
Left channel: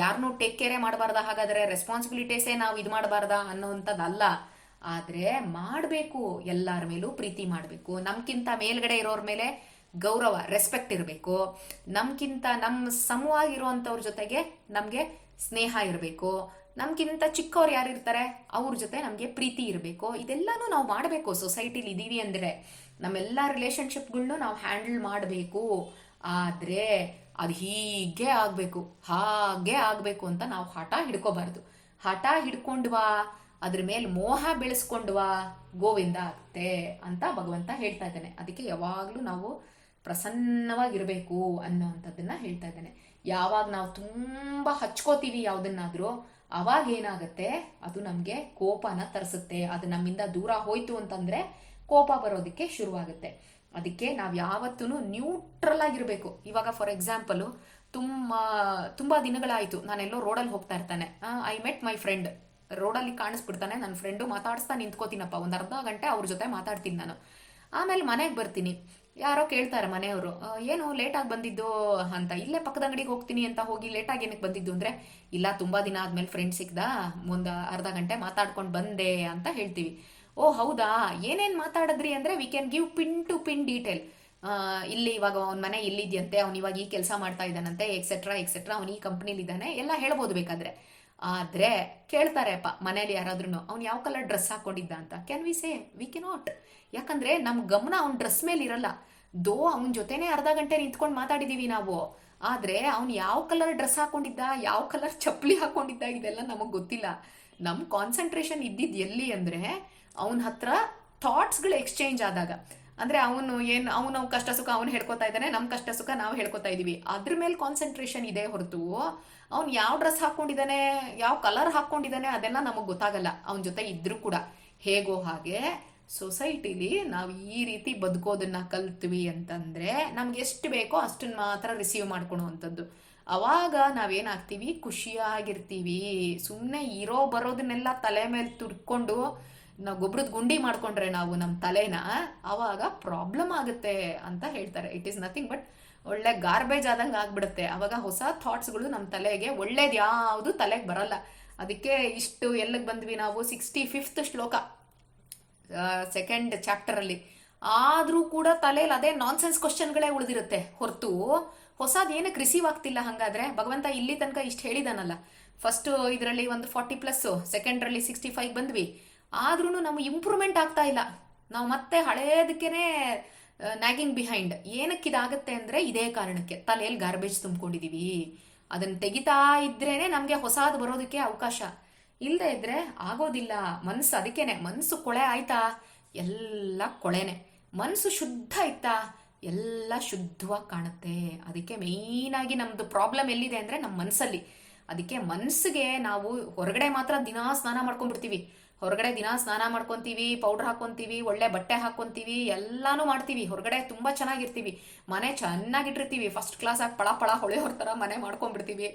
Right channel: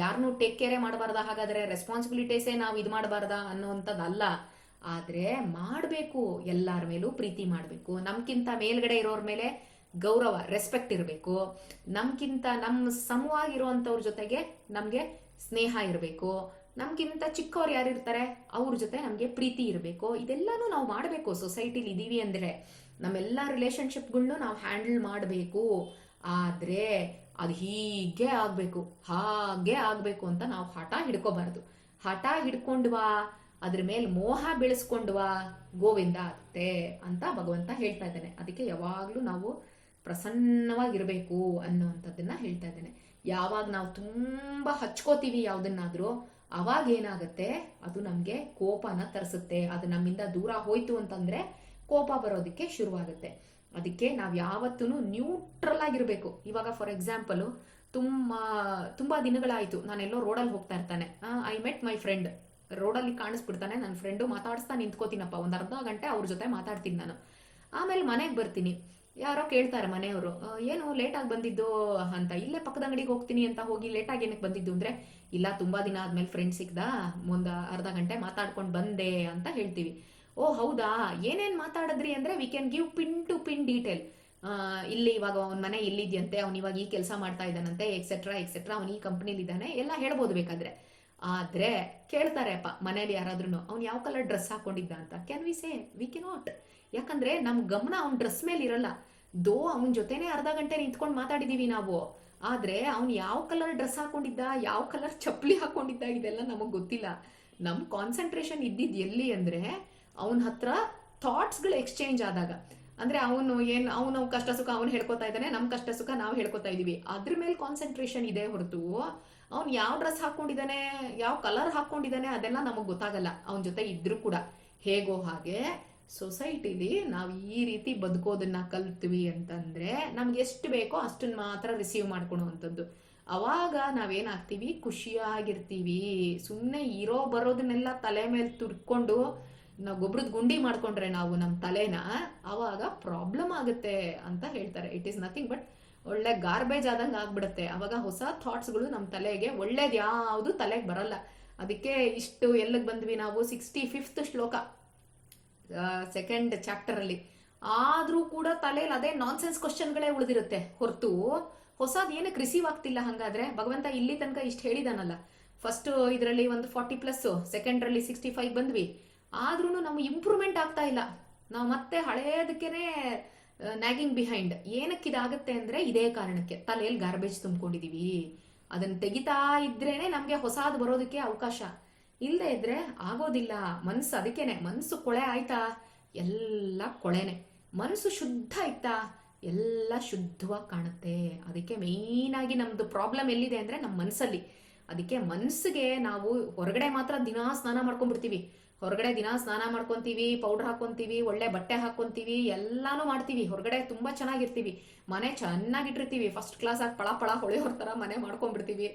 ಯಾರನ್ನೂ ಟೇಕ್ ಕೇರೇ ಮಾಡಬಾರ್ದ, ಹಾಗಾದ್ರೆ ರೆಸ್ಪಾನ್ಸಿಬಿಲಿಟೀಸೇ ನಾವು ಇದು ಮಾಡಬಾರ್ದ ಅನ್ನೋವಂಥದ್ದಲ್ಲ. ಆದರೆ ಮಾಡಬೇಕು, ಎಲ್ಲರ ಮೇಲೂ ಪ್ರೀತಿ ಮಾಡಬೇಕು. ನಮ್ಗಿಂತ ಮೇಲ್ಗಡೆ ಇರೋರ ಮೇಲೆ ಗೌರವ ರೆಸ್ಪೆಕ್ಟ್ ಇರಬೇಕು. ನಮ್ಗಿಂತ ನಮ್ಮ ಸಮವಾಗಿರುವಂಥವ್ರ ಜೊತೆಗೆ ನಮಗೆ ಸ್ನೇಹ ಇರಬೇಕು. ನಮ್ಗಿಂತ ಚಿಕ್ಕವ್ರು ಯಾರು ಇರ್ತಾರೆ, ಅವ್ರ ಜೊತೆ ನಮಗೆ ಪ್ರೀತಿ ಇರಬೇಕು. ಇದೆಲ್ಲನೂ ನಾವು ಮಾಡಬೇಕು. ಸೊಸೈಟಿಲಿ ಇದೀವಿ ಅಂದರೆ ನಮ್ಮೆಲ್ಲ ರಿಲೇಶನ್ಶಿಪ್ಗಳ್ನು ನಾವು ಹ್ಯಾಂಡಲ್ ಮಾಡಬೇಕು. ಆದರೆ ಅದು ಹೀಗೆ ಆಗಬೇಕು, ಹಾಗೆ ಆಗಬೇಕು ಅಂತ ನಾವು ಹಠ ಹಿಡ್ಕೋಬಾರ್ದು. ಹಠ ಹಿಡ್ಕೊಂಡ್ವಾ ಅದ್ರ ಮೇಲೆ ಮೋಹ ಬೆಳೆಸ್ಕೊಂಡ್ವಾ ಗೋವಿಂದ ಅತ್ತೆ ಅಂತ ಭಗವಂತ ಹೇಳ್ತಾ ಇದ್ದಾನೆ. ಅದಕ್ಕೆ ಯಾವಾಗಲೂ ನಾವು ಪ್ರಸನ್ನವಾಗಿರಬೇಕು ಅನ್ನೋವಂಥದ್ದನ್ನ ಹೇಳ್ತಾ ಇದ್ದಾನೆ. ಯಾವಾಗ ನಾವು ತುಂಬ ಹಚ್ಕೋತೀವಿ ಯಾವುದನ್ನಾದರೂ, ಅವಾಗ ಏನಾಗುತ್ತೆ, ಅದು ನಮಗೆ ಕೋಪನ ತರಿಸುತ್ತೆ. ಅದು ನಮ್ಮಿಂದ ದೂರ ಹೋಯ್ತು ಅಂತಂದ್ರೆ ಕೋಪ ಬರೋದಕ್ಕೆ ಶುರುವಾಗುತ್ತೆ. ಅದಕ್ಕೆ ನಾವು ಯಾವತ್ತೂ ನ್ಯೂಟ್ರಲ್ ಆಗಿರಬೇಕು. ಇವಾಗ ಫಾರ್ ಎಕ್ಸಾಂಪಲು ತುಂಬ ತುಂಬ ದಿನಗಳಾಯಿತು. ನಾನೆಲ್ಲೋ ರೋಡಲ್ಲಿ ಹೋಗ್ತಾ ಇರ್ತಾನೆ. ಐ ಮೆಟ್ ಮೈ ಫ್ರೆಂಡ್ ರೋಡಲ್ಲಿ ಕಾಣಿಸ್ಬಿಡ್ತಾನೆ. ನನ್ನ ಫ್ರೆಂಡು ಮಾತಾಡಿಸ್ತಾ ನಿಂತ್ಕೋತೀನಪ್ಪ. ಒಂದು ಅರ್ಧ ಗಂಟೆ ಅವ್ರ ಜೊತೆ ಮಾತಾಡ್ತೀನಿ ನಾನು. ಆಮೇಲೆ ಮನೆಗೆ ಬರ್ತೀನಿ. ಯಾರೋ ಕೇಳ್ತಾರೆ ಮನೆಯವರು "ಆ, ಏನು ಲೇಟಾಗಿ ಬಂದಿದ್ದು ಅಂತ. ಇಲ್ಲೇ ಪಕ್ಕದ ಅಂಗಡಿಗೆ ಹೋಗ್ತೀನಿ ಅಂತ ಹೋಗಿ ಲೇಟಾಗಿ ಏನಕ್ಕೆ ಬಂದಿದ್ದು ಅಂದರೆ ಇಲ್ಲ ತುಂಬ ದಿನ ಆದಮೇಲೆ ಫ್ರೆಂಡ್ ಸಿಕ್ಕದ ಒಂದು ಅರ್ಧ ಗಂಟೆ ಮಾತಾಡ್ಕೊಂಡು ಬಂದೆ ಅಂತ ಹೇಳ್ತೀವಿ. ಓ ಹೌದಾ? ಏನೇನು ಮಾತಾಡಿದ್ರಿ? ಅಂದರೆ we can give pin to pin detail ಇಲ್ಲಿ ಇವಾಗ ಅವನ ಮನೆ ಇಲ್ಲಿದೆಯಂತೆ. ಅವ್ನು ಇವಾಗ ಈ ಕೆಲಸ ಮಾಡ್ತಾ ಇದ್ದಾನಂತೆ ಎಕ್ಸೆಟ್ರಾ ಎಕ್ಸೆಟ್ರಾ ಅವ್ನು ಈ ಕಂಪ್ನಿಲಿ ಇದ್ದಾನೆ ಎಲ್ಲ ಹೇಳ್ಬೋದು ಬೇಕಾದ್ರೆ. ಆದ್ರೆ ಕೇಳ್ತಾರೆ ಅಪ್ಪ ಮನೇಲಿ ಯಾರಾದ್ರೂ ಅವ್ನು ಯಾವ ಕಲರ್ ಡ್ರೆಸ್ ಹಾಕೊಂಡಿದ್ದ ಅಂತ? Can we say we cannot ಯಾಕಂದ್ರೆ ನಮ್ಮ ಗಮನ ಅವ್ನ ಡ್ರೆಸ್ ಮೇಲೆ ಇರಲ್ಲ. ದೋ ಅವನ ಜೊತೆನೆ ಅರ್ಧ ಗಂಟೆ ನಿಂತ್ಕೊಂಡು ಮಾತಾಡಿದೀವಿ ನಾವು. ಆದರೆ ಅವ್ನು ಯಾವ ಕಲರ್ ಡ್ರೆಸ್ ಹಾಕೊಂಡಿದ್ದ, ಯಾವ ಕಲರ್ ಚಪ್ಪಲಿ ಹಾಕೊಂಡಿದ್ದ ಇದೆಲ್ಲ ನಮಗೆ ಗೊತ್ತಿಲ್ಲ. ನಮ್ಮ ಕಾನ್ಸಂಟ್ರೇಷನ್ ಇದ್ದಿದ್ದು ಎಲ್ಲಿ ಅಂದರೆ ಅವನ ಹತ್ರ ಥಾಟ್ಸ್ಗಳು ಎಕ್ಸ್ಚೇಂಜ್ ಆದಾಗ. ಅಂದರೆ ಅವನು ಏನು, ಅವನು ಕಷ್ಟ ಸುಖ ಅವನು ಹೇಳ್ಕೊತಾ ಇದ್ದಾನೆ ನಮ್ಮ ಕಷ್ಟ ಸುಖ ನಾವು ಹೇಳ್ಕೊತಾ ಇದ್ದೀವಿ ಅದ್ರ ಮೇಲೆ ಕಾನ್ಸಂಟ್ರೇಷನ್ ಇದೆ ಹೊರತು ಅವ್ನು ಯಾವ ಡ್ರೆಸ್ ಹಾಕೊಂಡಿದ್ದಾನೆ, ಯಾವ ಕಲರ್ ಹಾಕೊಂಡಿದ್ದಾನೆ ಅದೆಲ್ಲ ನಮಗೆ ಗೊತ್ತಾಗಲ್ಲ. ಅವನ ಜೊತೆ ಇದ್ರೂ ಕೂಡ. ಹೇಗೋ ಹಾಗೆ ಸೊಸೈಟಿಲಿ ನಾವು ಈ ರೀತಿ ಬದುಕೋದನ್ನ ಕಲ್ತ್ವಿ ಅಂತಂದ್ರೆ ನಮ್ಗೆ ಎಷ್ಟು ಬೇಕೋ ಅಷ್ಟನ್ನ ಮಾತ್ರ ರಿಸೀವ್ ಮಾಡ್ಕೊಳೋವಂಥದ್ದು ಅವಾಗ ನಾವೇನಾಗ್ತೀವಿ? ಖುಷಿಯಾಗಿರ್ತೀವಿ. ಸುಮ್ಮನೆ ಇರೋ ಬರೋದನ್ನೆಲ್ಲ ತಲೆ ಮೇಲೆ ತುರ್ಕೊಂಡು ನಾವು ಗೊಬ್ಬರದ ಗುಂಡಿ ಮಾಡ್ಕೊಂಡ್ರೆ ನಾವು ನಮ್ಮ ತಲೆನ ಅವಾಗ ಪ್ರಾಬ್ಲಮ್ ಆಗುತ್ತೆ ಅಂತ ಹೇಳ್ತಾರೆ. ಇಟ್ ಈಸ್ ನಥಿಂಗ್ ಬಟ್ ಒಳ್ಳೆ ಗಾರ್ಬೇಜ್ ಆದಂಗೆ ಆಗ್ಬಿಡುತ್ತೆ. ಅವಾಗ ಹೊಸ ಥಾಟ್ಸ್ಗಳು ನಮ್ಮ ತಲೆಗೆ ಒಳ್ಳೇದು ಯಾವುದು ತಲೆಗೆ ಬರಲ್ಲ. ಅದಕ್ಕೆ ಇಷ್ಟು ಎಲ್ಲಿಗೆ ಬಂದ್ವಿ ನಾವು? ಸಿಕ್ಸ್ಟಿ ಫಿಫ್ತ್ ಶ್ಲೋಕ ಸೆಕೆಂಡ್ ಚಾಪ್ಟರಲ್ಲಿ ಆದರೂ ಕೂಡ ತಲೆಯಲ್ಲಿ ಅದೇ ನಾನ್ಸೆನ್ಸ್ ಕ್ವಶನ್ಗಳೇ ಉಳಿದಿರುತ್ತೆ. ಹೊರತು ಹೊಸದು ಏನಕ್ಕೆ ರಿಸೀವ್ ಆಗ್ತಿಲ್ಲ ಹಾಗಾದ್ರೆ? ಭಗವಂತ ಇಲ್ಲಿ ತನಕ ಇಷ್ಟು ಹೇಳಿದಾನಲ್ಲ. ಫಸ್ಟ್ ಇದರಲ್ಲಿ ಒಂದು ಫಾರ್ಟಿ ಪ್ಲಸ್ ಸೆಕೆಂಡ್ರಲ್ಲಿ ಸಿಕ್ಸ್ಟಿ ಫೈವ್ ಬಂದ್ವಿ. ಆದ್ರೂ ನಾವು ಇಂಪ್ರೂವ್ಮೆಂಟ್ ಆಗ್ತಾ ಇಲ್ಲ. ನಾವು ಮತ್ತೆ ಹಳೇದಕ್ಕೇನೆ ನ್ಯಾಗಿಂಗ್ ಬಿಹೈಂಡ್ ಏನಕ್ಕೆ ಇದಾಗುತ್ತೆ ಅಂದ್ರೆ ಇದೇ ಕಾರಣಕ್ಕೆ. ತಲೆಯಲ್ಲಿ ಗಾರ್ಬೇಜ್ ತುಂಬಿಕೊಂಡಿದೀವಿ. ಅದನ್ನ ತೆಗಿತಾ ಇದ್ರೇನೆ ನಮಗೆ ಹೊಸಾದ್ ಬರೋದಕ್ಕೆ ಅವಕಾಶ. ಇಲ್ಲದೆ ಇದ್ರೆ ಆಗೋದಿಲ್ಲ. ಮನಸ್ಸು ಅದಕ್ಕೇನೆ. ಮನಸ್ಸು ಕೊಳೆ ಆಯ್ತಾ? ಎಲ್ಲ ಕೊಳೆನೆ. ಮನಸ್ಸು ಶುದ್ಧ ಆಯ್ತಾ ಎಲ್ಲ ಶುದ್ಧವಾಗಿ ಕಾಣುತ್ತೆ. ಅದಕ್ಕೆ ಮೇಯ್ನಾಗಿ ನಮ್ಮದು ಪ್ರಾಬ್ಲಮ್ ಎಲ್ಲಿದೆ ಅಂದ್ರೆ ನಮ್ಮ ಮನಸ್ಸಲ್ಲಿ ಅದಕ್ಕೆ ಮನಸ್ಸಿಗೆ ನಾವು ಹೊರಗಡೆ ಮಾತ್ರ ದಿನಾ ಸ್ನಾನ ಮಾಡ್ಕೊಂಡ್ಬಿಡ್ತೀವಿ. ಹೊರಗಡೆ ದಿನ ಸ್ನಾನ ಮಾಡ್ಕೊತೀವಿ ಪೌಡರ್ ಹಾಕೊಂತೀವಿ, ಒಳ್ಳೆ ಬಟ್ಟೆ ಹಾಕೊಂತೀವಿ, ಎಲ್ಲಾನು ಮಾಡ್ತೀವಿ. ಹೊರಗಡೆ ತುಂಬಾ ಚೆನ್ನಾಗಿರ್ತೀವಿ. ಮನೆ ಚೆನ್ನಾಗಿಟ್ಟಿರ್ತೀವಿ. ಫಸ್ಟ್ ಕ್ಲಾಸ್ ಆಗಿ ಪಳ ಪಳ ಹೊಳೆಯೋರ್ ಥರ ಮನೆ ಮಾಡ್ಕೊಂಡ್ಬಿಡ್ತೀವಿ.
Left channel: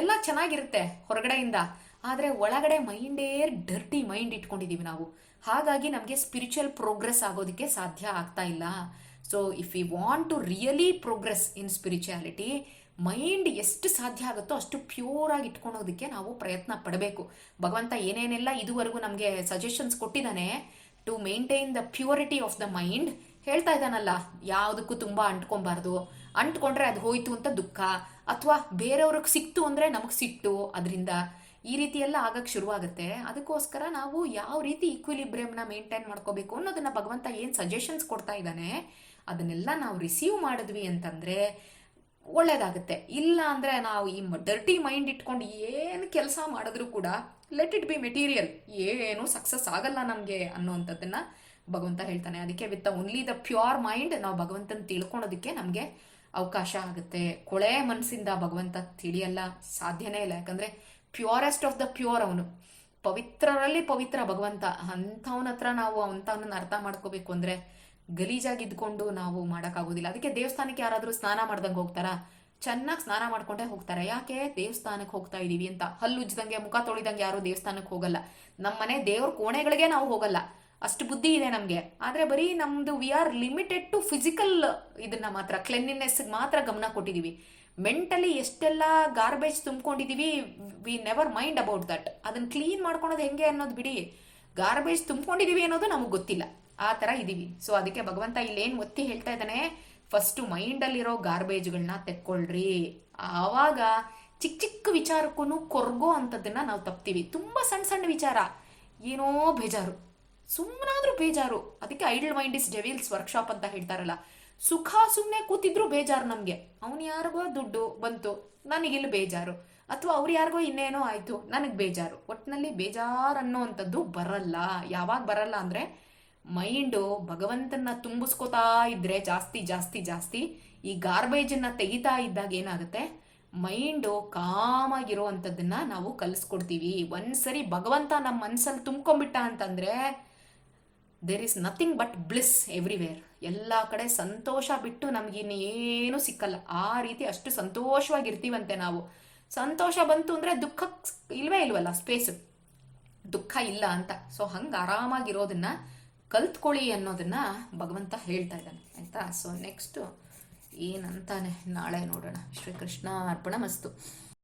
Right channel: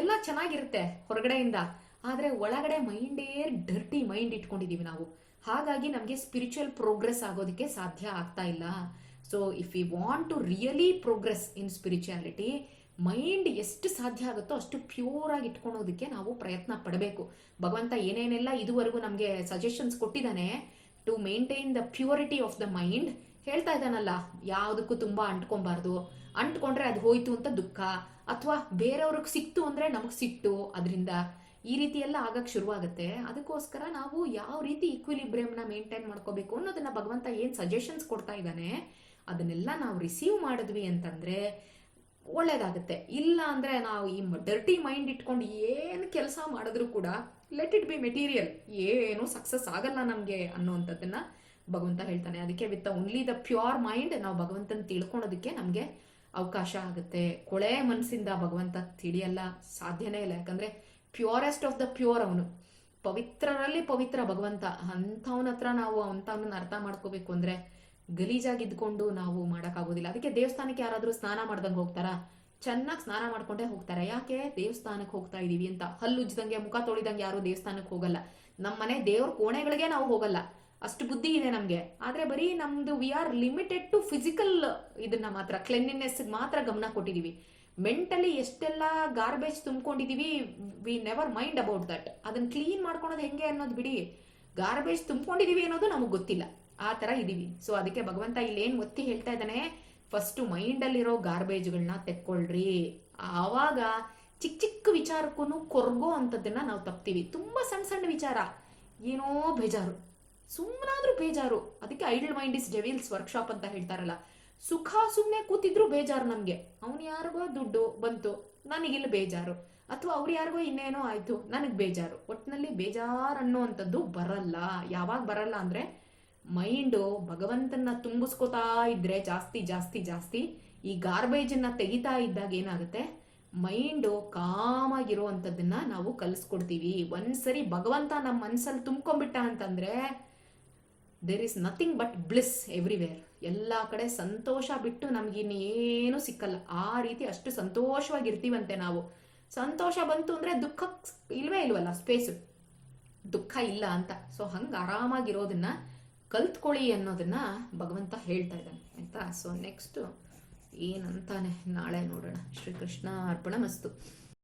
ಎಲ್ಲ ಚೆನ್ನಾಗಿರುತ್ತೆ ಹೊರಗಡೆಯಿಂದ. ಆದರೆ ಒಳಗಡೆ ಮೈಂಡೇ ಡರ್ಟಿ ಮೈಂಡ್ ಇಟ್ಕೊಂಡಿದೀವಿ ನಾವು. ಹಾಗಾಗಿ ನಮಗೆ ಸ್ಪಿರಿಚುವಲ್ ಪ್ರೋಗ್ರೆಸ್ ಆಗೋದಕ್ಕೆ ಸಾಧ್ಯ ಆಗ್ತಾ ಇಲ್ಲ. So if you want to really progress in spirituality mind ಎಷ್ಟು ಸಾಧ್ಯ ಆಗುತ್ತೋ ಅಷ್ಟು ಪ್ಯೂರ್ ಆಗಿ ಇಟ್ಕೊಳೋದಕ್ಕೆ ನಾವು ಪ್ರಯತ್ನ ಪಡಬೇಕು. ಭಗವಂತ ಏನೇನೆಲ್ಲ ಇದುವರೆಗೂ ನಮಗೆ ಸಜೆಷನ್ಸ್ ಕೊಟ್ಟಿದ್ದಾನೆ to maintain the purity of the mind ಹೇಳ್ತಾ ಇದ್ದಾನಲ್ಲ, ಯಾವುದಕ್ಕೂ ತುಂಬ ಅಂಟ್ಕೊಬಾರ್ದು. ಅಂಟ್ಕೊಂಡ್ರೆ ಅದು ಹೋಯ್ತು ಅಂತ ದುಃಖ, ಅಥವಾ ಬೇರೆಯವ್ರಿಗೆ ಸಿಕ್ತು ಅಂದರೆ ನಮಗೆ ಸಿಟ್ಟು, ಅದರಿಂದ ಈ ರೀತಿ ಎಲ್ಲ ಆಗಕ್ಕೆ ಶುರುವಾಗುತ್ತೆ. ಅದಕ್ಕೋಸ್ಕರ ನಾವು ಯಾವ ರೀತಿ ಈಕ್ವಿಲಿಬ್ರಿಯಮ್ನ ಮೇಂಟೈನ್ ಮಾಡ್ಕೋಬೇಕು ಅನ್ನೋದನ್ನು ಭಗವಂತ ಏನು ಸಜೆಷನ್ಸ್ ಕೊಡ್ತಾ ಇದ್ದಾನೆ, ಅದನ್ನೆಲ್ಲ ನಾವು ರಿಸೀವ್ ಮಾಡಿದ್ವಿ ಅಂತಂದ್ರೆ ಒಳ್ಳೇದಾಗುತ್ತೆ. ಇಲ್ಲ ಅಂದರೆ ನಾವು ಈ ಡರ್ಟಿ ಮೈಂಡ್ ಇಟ್ಕೊಂಡು ಏನು ಕೆಲಸ ಮಾಡಿದ್ರೂ ಕೂಡ ಲೆಟ್ ಇಟ್ ಬಿ ಮೆಟೀರಿಯಲ್ ಏನು ಸಕ್ಸಸ್ ಆಗಲ್ಲ ನಮಗೆ ಅನ್ನೋವಂಥದ್ದನ್ನು ಭಗವಂತ ಹೇಳ್ತಾನೆ. ಅದಕ್ಕೆ with only the pure mind ನಾವು ಭಗವಂತನ ತಿಳ್ಕೊಳೋದಕ್ಕೆ ನಮಗೆ ಅವಕಾಶ ಆಗುತ್ತೆ. ಕೊಳೆ ಮನಸ್ಸಿಂದ ಭಗವಂತ ತಿಳಿಯಲ್ಲ, ಸಾಧ್ಯನೇ ಇಲ್ಲ. ಯಾಕಂದರೆ ಪ್ಯೂರೆಸ್ಟ್ ಆಫ್ ದ ಪ್ಯೂರ್ ಅವನು. ಪವಿತ್ರರಲ್ಲಿ ಪವಿತ್ರ ಭಗವಂತ. ಅಂಥವನ ಹತ್ರ ನಾವು ಅಂಥವನ್ನ ಅರ್ಥ ಮಾಡ್ಕೋಬೇಕು ಅಂದ್ರೆ ಗಲೀಜಾಗಿ ಇದ್ಕೊಂಡು ನಾವು ಮಾಡೋಕ್ಕಾಗೋದಿಲ್ಲ. ಅದಕ್ಕೆ ದೇವಸ್ಥಾನಕ್ಕೆ ಯಾರಾದರೂ ಸ್ನಾನ ಮಾಡ್ದಂಗೆ ಹೋಗ್ತಾರಾ? ಚೆನ್ನಾಗಿ ಸ್ನಾನ ಮಾಡ್ಕೊಂಡೇ ಹೋಗ್ತಾರೆ. ಯಾಕೆ? ದೇವಸ್ಥಾನಕ್ಕೆ ಹೋಗ್ತಾ ಇದ್ದೀವಿ ಅಂತ. ಹಲ್ಲು ಉಜ್ದಂಗೆ ಮುಖ ತೊಳಿದಂಗೆ ಯಾರು ದೇವಸ್ಥಾನಕ್ಕೆ ಹೋಗಲ್ಲ. ನಮ್ಮ ಮನೆ ದೇವ್ರ ಕೋಣೆಗಳಿಗೆ ನಾವು ಹೋಗಲ್ಲ. ಅಷ್ಟು ಬುದ್ಧಿ ಇದೆ ನಮಗೆ. ಆದರೆ ಬರೀ ನಮ್ದು we are limited to physical ಇದನ್ನ ಮಾತ್ರ ಕ್ಲೆನ್ಲಿನೆಸ್ ಮಾತ್ರ ಗಮನ ಕೊಟ್ಟಿದೀವಿ. ಮೆಂಟಲಿ ಎಷ್ಟೆಲ್ಲ garbage ತುಂಬ್ಕೊಂಡಿದ್ದೀವಿ we never mind about that ಅದನ್ನ ಕ್ಲೀನ್ ಮಾಡ್ಕೊಳೋದು ಹೆಂಗೆ ಅನ್ನೋದು ಬಿಡಿ. ಗಾರ್ಬೇಜ್ ತುಂಬ್ಕೊಂಡಿದ್ದೀವಿ ಅನ್ನೋದು ನಮಗೆ ಗೊತ್ತಿಲ್ಲ. ಆ ಥರ ಇದೀವಿ ಸೊ ಅದಕ್ಕೆ ಭಗವಂತ ಇಲ್ಲೇನು ಒತ್ತಿ ಹೇಳ್ತಾ ಇದ್ದಾನೆ ಫಸ್ಟು ಮೈಂಡಲ್ಲಿರೋ ಗಾರ್ಬೇಜ್ಗಳನ್ನ ತೆಕ್ಕೊಳ್ರಿ. ಆವಾಗ ಚಿಕ್ಕ ಚಿಕ್ಕ ವಿಚಾರಕ್ಕೂ ಕೊರ್ಗೋ ಅಂಥದ್ದನ್ನ ನಾವು ತಪ್ತೀವಿ. ತುಂಬ ಸಣ್ಣ ಸಣ್ಣ ವಿಚಾರ. ಏನೋ ಬೇಜಾರು. ಸುಮ್ಮನಾದ್ರೂ ಬೇಜಾರು. ಅದಕ್ಕೆ idle mind is devil's workshop ಅಂತ ಹೇಳ್ತಾರಲ್ಲ. ಸುಖ ಸುಮ್ಮನೆ ಕೂತಿದ್ರು ಬೇಜಾರು ನಮಗೆ. ಅವನು ಯಾರಿಗೋ ದುಡ್ಡು ಬಂತು, ನನಗಿಲ್ಲಿ ಬೇಜಾರು. ಅಥವಾ ಅವ್ರು ಯಾರಿಗೋ ಇನ್ನೇನೋ ಆಯಿತು, ನನಗೆ ಬೇಜಾರು. ಒಟ್ಟಿನಲ್ಲಿ ಬೇಜಾರು ಅನ್ನೋವಂಥದ್ದು ಬರಲ್ಲ. ಯಾವಾಗ ಬರಲ್ಲ ಅಂದರೆ ಮೈಂಡು ಭಗವಂತನ ತುಂಬಿಸ್ಕೋತಾ ಇದ್ರೆ ಜಾಸ್ತಿ ಜಾಸ್ತಿ ಜಾಸ್ತಿ ಈ ಗಾರ್ಬೇಜನ್ನು ತೆಗಿತಾ ಇದ್ದಾಗ ಏನಾಗುತ್ತೆ? ಮೈಂಡು ಕಾಮಾಗಿರೋ ನಾವು ಕಲಿಸ್ಕೊಡ್ತೀವಿ. ಒಂದ್ಸರಿ ಭಗವಂತ ನಮ್ಮ ಮನಸ್ಸಲ್ಲಿ ತುಂಬ್ಕೊಂಡ್ಬಿಟ್ಟ ಅಂತಂದರೆ there is nothing but bliss everywhere ಎಲ್ಲ ಕಡೆ ಸಂತೋಷ ಬಿಟ್ಟು ನಮಗಿನ್ನು ಸಿಕ್ಕಲ್ಲ. ಆ ರೀತಿ ಅಷ್ಟು ಸಂತೋಷವಾಗಿರ್ತೀವಂತೆ ನಾವು. ಸಂತೋಷ ಬಂತು ಅಂದರೆ ದುಃಖ ಇಲ್ವೇ ಇಲ್ವಲ್ಲ? ಸ್ಪೇಸು ದುಃಖ ಇಲ್ಲ ಅಂತ. ಸೊ ಹಂಗೆ ಆರಾಮಾಗಿರೋದನ್ನ ಕಲ್ತ್ಕೊಳ್ಳಿ ಅನ್ನೋದನ್ನ ಭಗವಂತ ಹೇಳ್ತಾ ಇದ್ದಾನೆ ಆಯ್ತಾ? ಸೊ ನೆಕ್ಸ್ಟು ಏನಂತಾನೆ ನಾಳೆ ನೋಡೋಣ. ಶ್ರೀಕೃಷ್ಣ ಅರ್ಪಣ ಮಸ್ತು.